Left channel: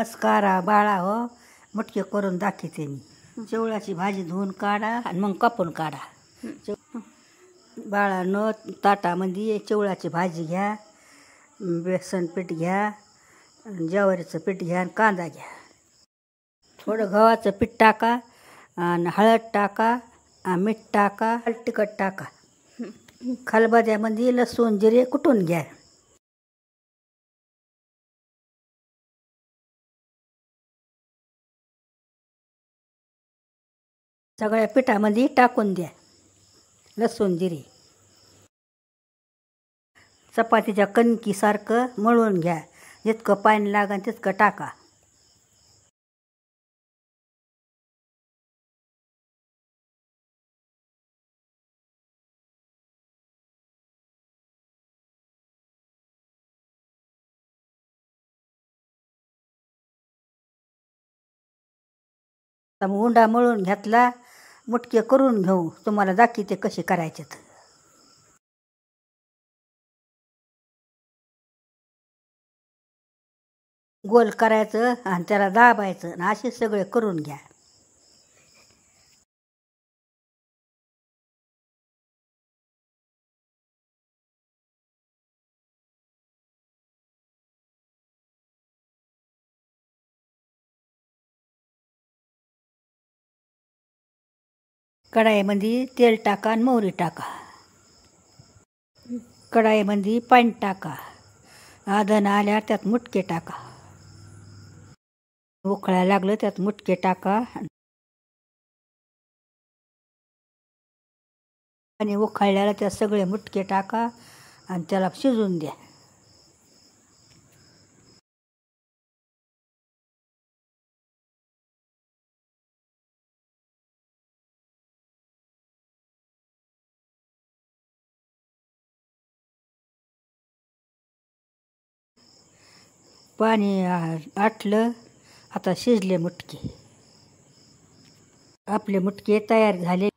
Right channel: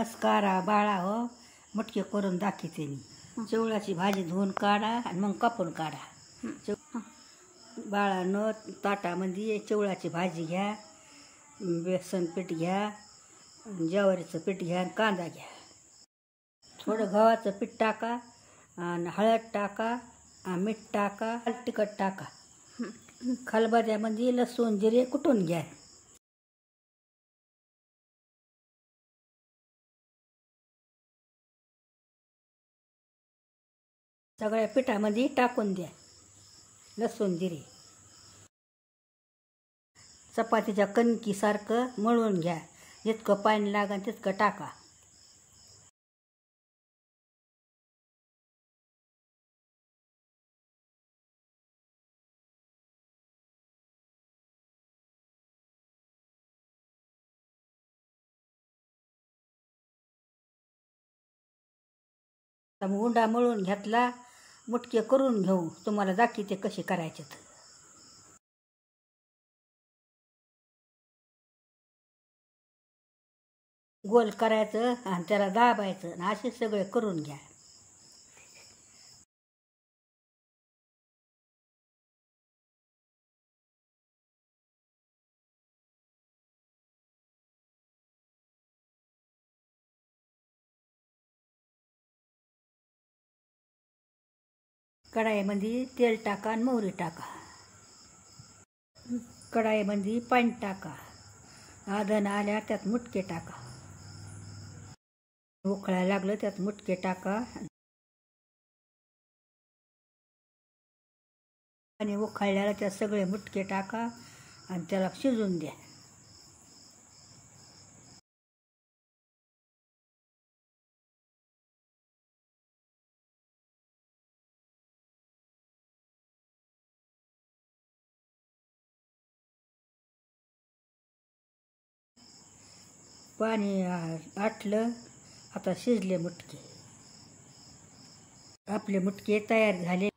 नमस्कार बाळा हो, मुटके करून दाखवते मी. चिवळाची भाजी धुवून काढा आणि मग कापून काढा. बाळानं ताटामध्ये चिवळाची भाजी घ्या, बेसन पीठ घ्या, ज्वारीचं पीठ घ्या आणि कांदा घ्या. थोडं गव्हाचं पीठ टाका आणि हळद टाका, मीठ टाका, तिखट टाका. खलबत्त्यामध्ये लसूण जिरे कुटून घ्या. सगळ्या पिठामध्ये टाकून द्या लसूण जिरे. चपातीच्या कणकीसारखं मळून घ्या. जितकं पाणी लागेल तितकं टाका. उंडा मळून घेतला, मुटके करून घेऊ. तुम्हाला दाखवते कसे करायचे. गोल करायचं आणि त्याला दाबायचं आणि असे सगळे करून घ्या. कढाईमध्ये तेल टाका आणि मोहरी टाका. कढाईमध्ये पाणी टाका. आधण आल्यावर त्यात मुटके टाका. उकळायला लागलं त्यात मुटके टाका. आणि उकळल्याला त्यात सगळे मुटके टाका आणि त्याला शिजवून द्या. पाणी आटलं, आता शिजले मुटके. आपले मुटके तयार झाले.